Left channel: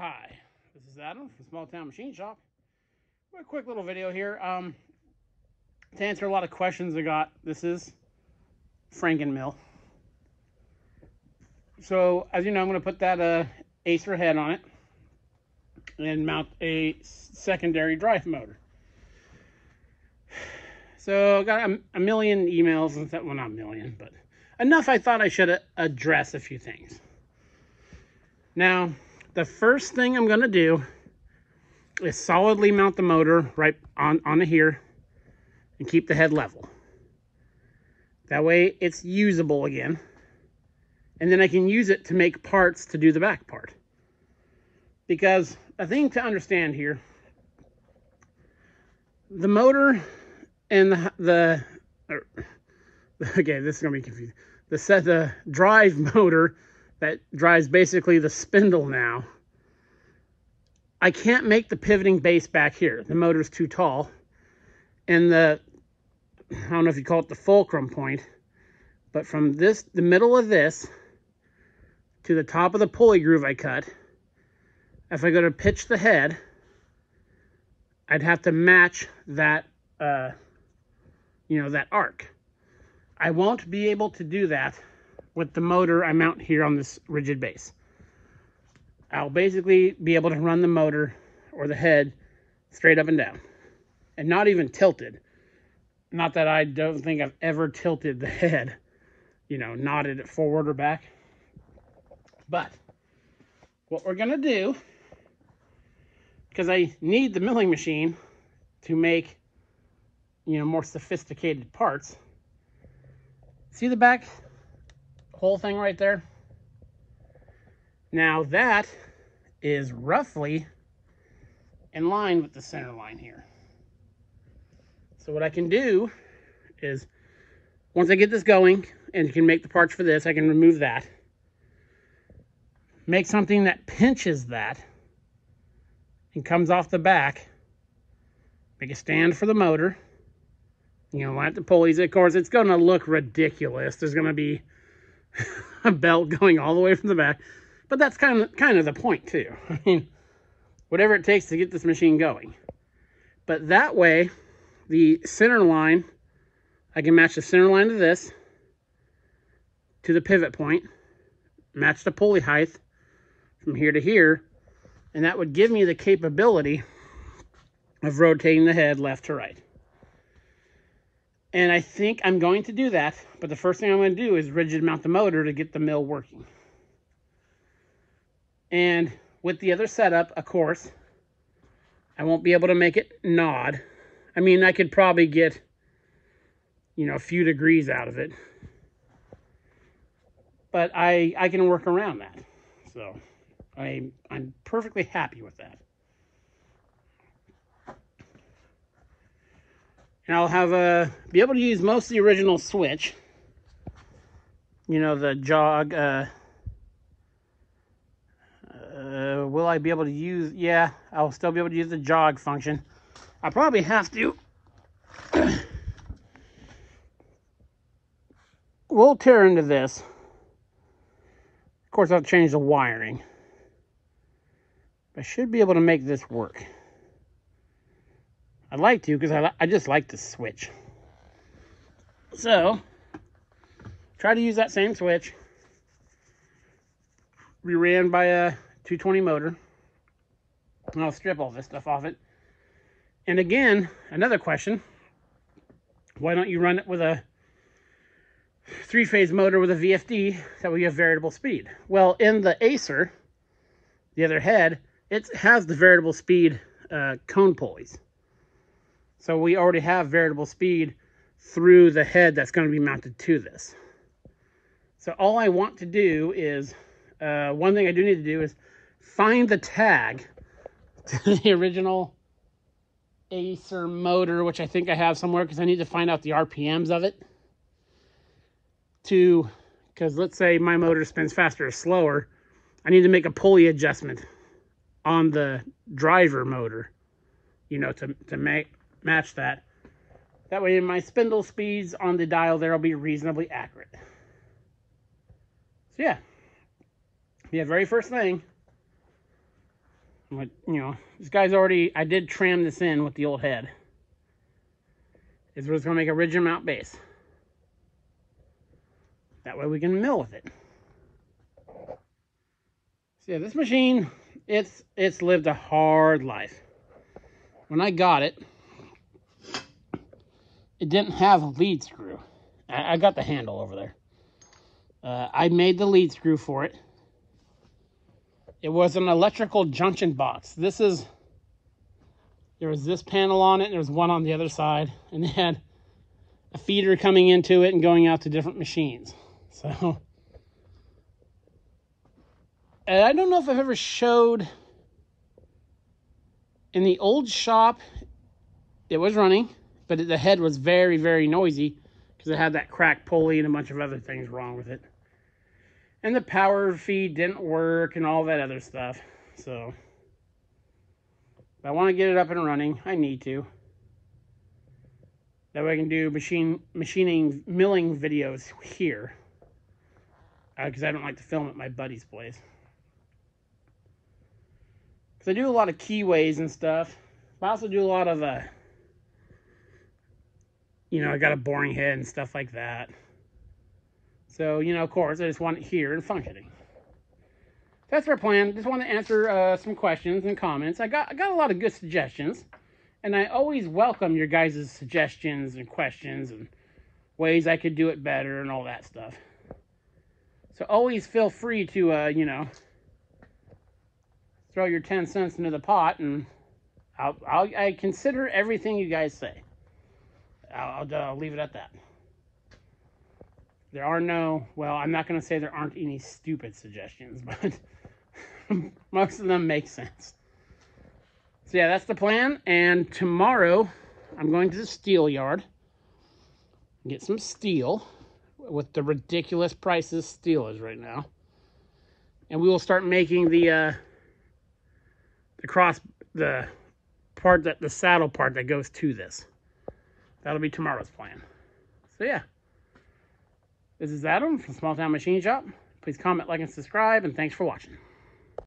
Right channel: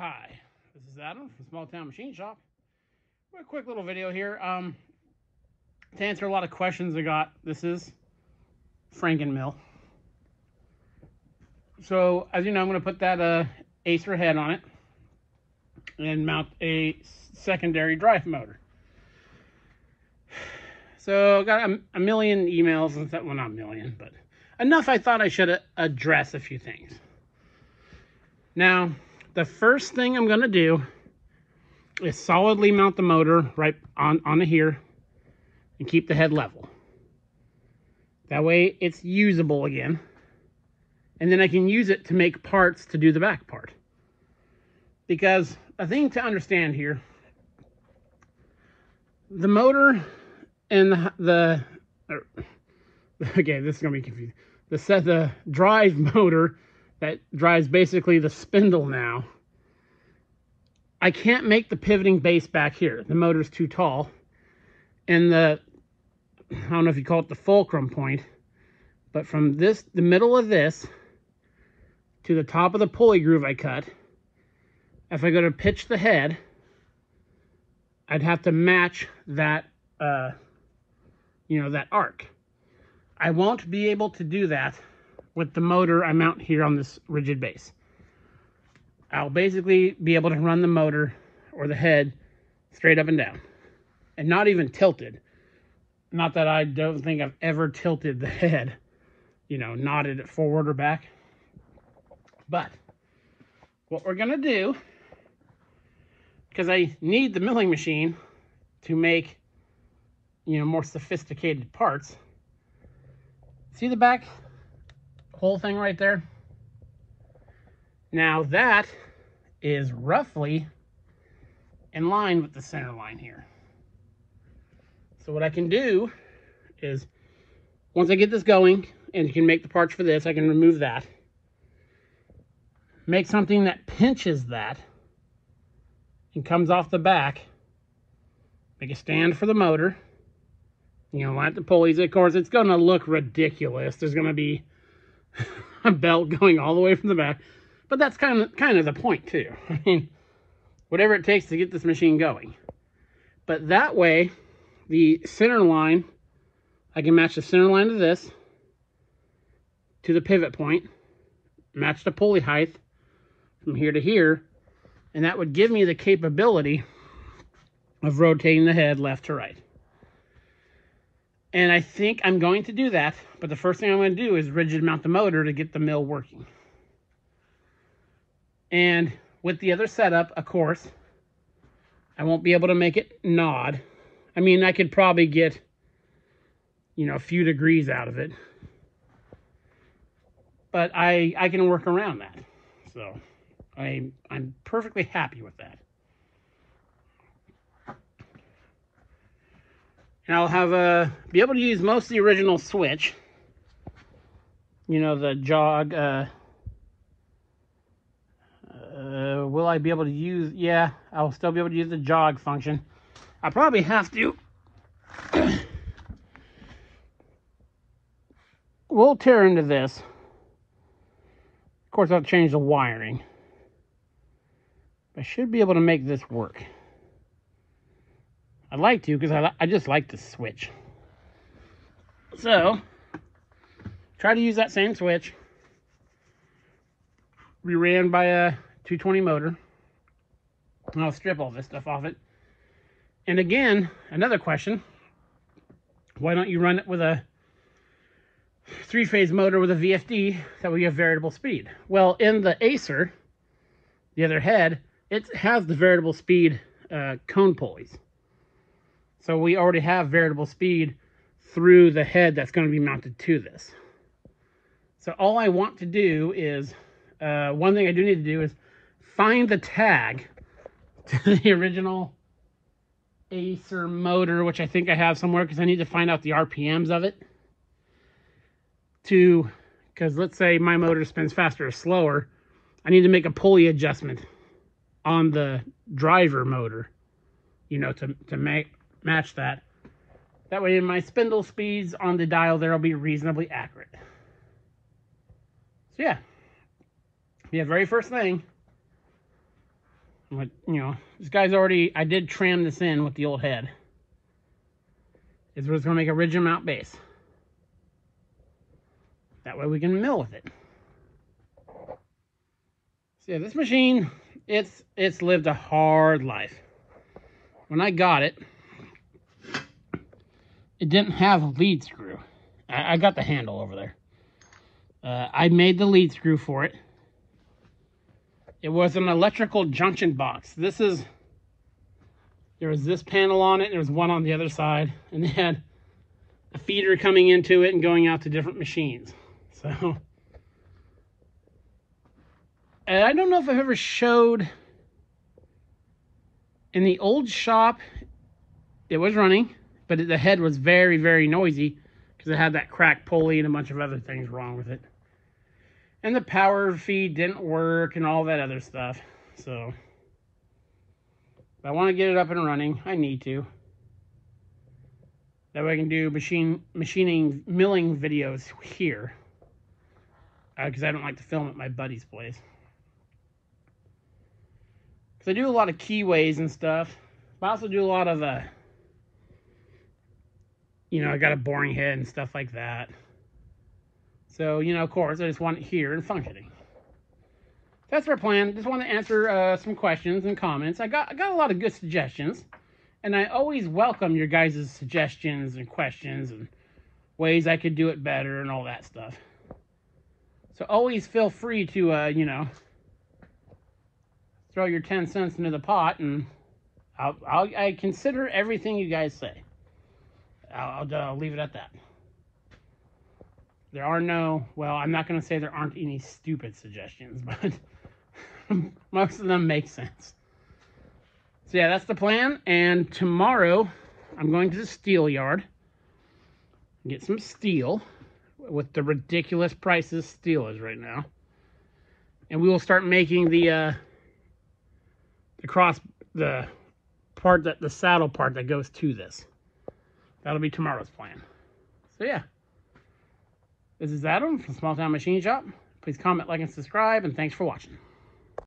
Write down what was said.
Hi, this is Adam from Small Town Machine Shop. A quick little video here to answer a lot of questions I got. This is Frankenmill. So as you know, I'm going to put that Acer head on it and mount a secondary drive motor. So I got a million emails and stuff. Well, not a million, but enough. I thought I should address a few things. Now, the first thing I'm going to do is solidly mount the motor right on here and keep the head level. That way it's usable again. And then I can use it to make parts to do the back part. Because a thing to understand here, the motor and okay, this is going to be confusing. The drive motor that drives basically the spindle now, I can't make the pivoting base back here. The motor's too tall. And I don't know if you call it the fulcrum point, but from the middle of this to the top of the pulley groove I cut, if I go to pitch the head, I'd have to match that, that arc. I won't be able to do that with the motor I mount here on this rigid base. I'll basically be able to run the motor or the head straight up and down and not even tilted. Not that I don't think I've ever tilted the head, nodded it forward or back. But what we're gonna do, because I need the milling machine to make, more sophisticated parts. See the back whole thing right there? Now that is roughly in line with the center line here. So what I can do is, once I get this going and you can make the parts for this, I can remove that. Make something that pinches that and comes off the back. Make a stand for the motor. Line up the pulleys. Of course, it's going to look ridiculous. There's going to be a belt going all the way from the back. But that's kind of the point too. I mean, whatever it takes to get this machine going. But that way, the center line, I can match the center line of this to the pivot point, match the pulley height from here to here, and that would give me the capability of rotating the head left to right. And I think I'm going to do that, but the first thing I'm going to do is rigid mount the motor to get the mill working. And with the other setup, of course, I won't be able to make it nod. I mean, I could probably get, a few degrees out of it. But I can work around that. So I'm perfectly happy with that. And I'll have be able to use most of the original switch. The jog. Will I be able to use? Yeah, I'll still be able to use the jog function. I probably have to. We'll tear into this. Of course, I'll change the wiring. I should be able to make this work. I'd like to, because I just like the switch. So, try to use that same switch. We ran by a 220 motor. And I'll strip all this stuff off it. And again, another question. Why don't you run it with a 3-phase motor with a VFD that will have variable speed? Well, in the Acer, the other head, it has the variable speed cone pulleys. So we already have variable speed through the head that's going to be mounted to this. So all I want to do is, one thing I do need to do is find the tag to the original Acer motor, which I think I have somewhere, because I need to find out the RPMs of it. Because let's say my motor spins faster or slower, I need to make a pulley adjustment on the driver motor, to match that. That way my spindle speeds on the dial there will be reasonably accurate. So yeah, very first thing, But, you know, this guy's already, I did trim this in with the old head. Is we're just going to make a ridge mount base. That way we can mill with it. So yeah, this machine, it's lived a hard life. When I got it, it didn't have a lead screw. I got the handle over there. I made the lead screw for it. It was an electrical junction box. There was this panel on it, and there was one on the other side, and they had a feeder coming into it and going out to different machines. So, and I don't know if I've ever showed, in the old shop, it was running, but the head was very, very noisy because it had that cracked pulley and a bunch of other things wrong with it. And the power feed didn't work and all that other stuff. So, if I want to get it up and running, I need to. That way I can do milling videos here. Because I don't like to film at my buddy's place. Because I do a lot of keyways and stuff. But I also do a lot of, you know, I got a boring head and stuff like that. So, you know, of course, I just want it here and functioning. That's our plan. Just want to answer some questions and comments. I got a lot of good suggestions. And I always welcome your guys' suggestions and questions and ways I could do it better and all that stuff. So always feel free to, you know, throw your 10 cents into the pot, and I consider everything you guys say. I'll leave it at that. There are no, well, I'm not going to say there aren't any stupid suggestions, but most of them make sense. So yeah, that's the plan. And tomorrow, I'm going to the steel yard, get some steel with the ridiculous prices steel is right now. And we will start making the saddle part that goes to this. That'll be tomorrow's plan. So yeah. This is Adam from Small Town Machine Shop. Please comment, like, and subscribe, and thanks for watching.